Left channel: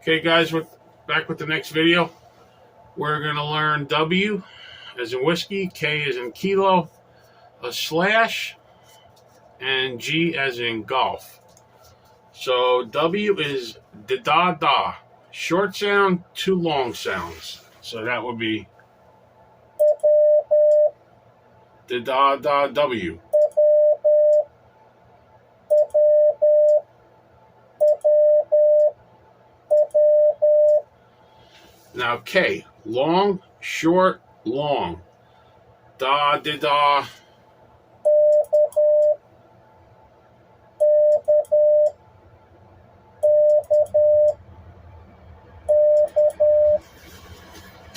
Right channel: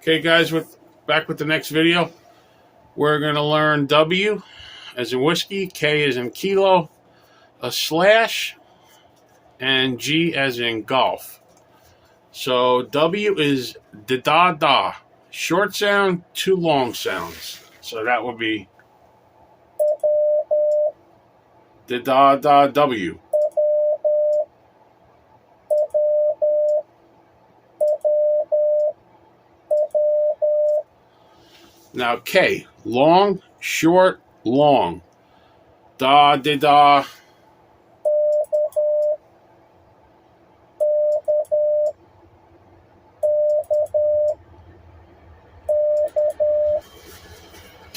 Okay, guys, back with the next video. We're going to learn W as in whiskey, K as in kilo, a slash, and G as in golf. So W is da-da-da, short sound, two long sounds. So that would be da-da-da-W. Now K, long, short, long. Da-da-da.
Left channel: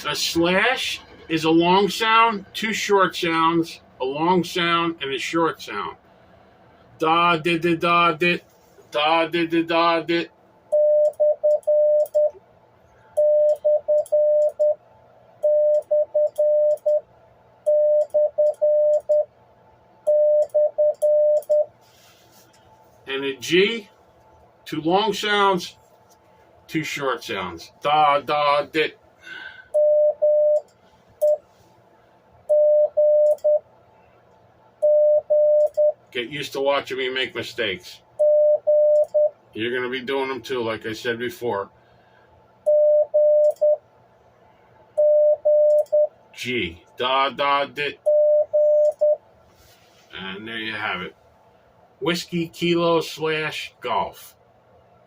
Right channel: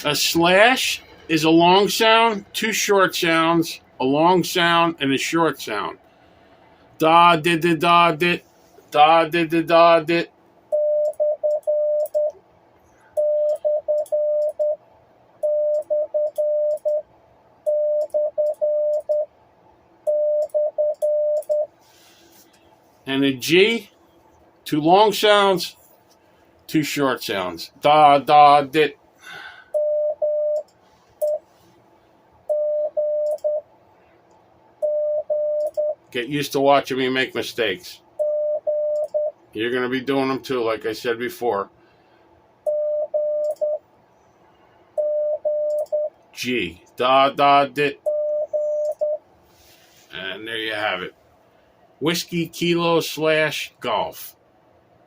A slash is a long sound, two short sounds, a long sound, and a short sound. Da-da-da-da-dit, da-da-da-da-dit. And a G, two long sounds, two short sounds. Da-da-dit. Get used to watching me make mistakes. You're going to be doing them too, like I said before. G, da-da-dit. And there you have it. Whiskey, kilo, slash, golf.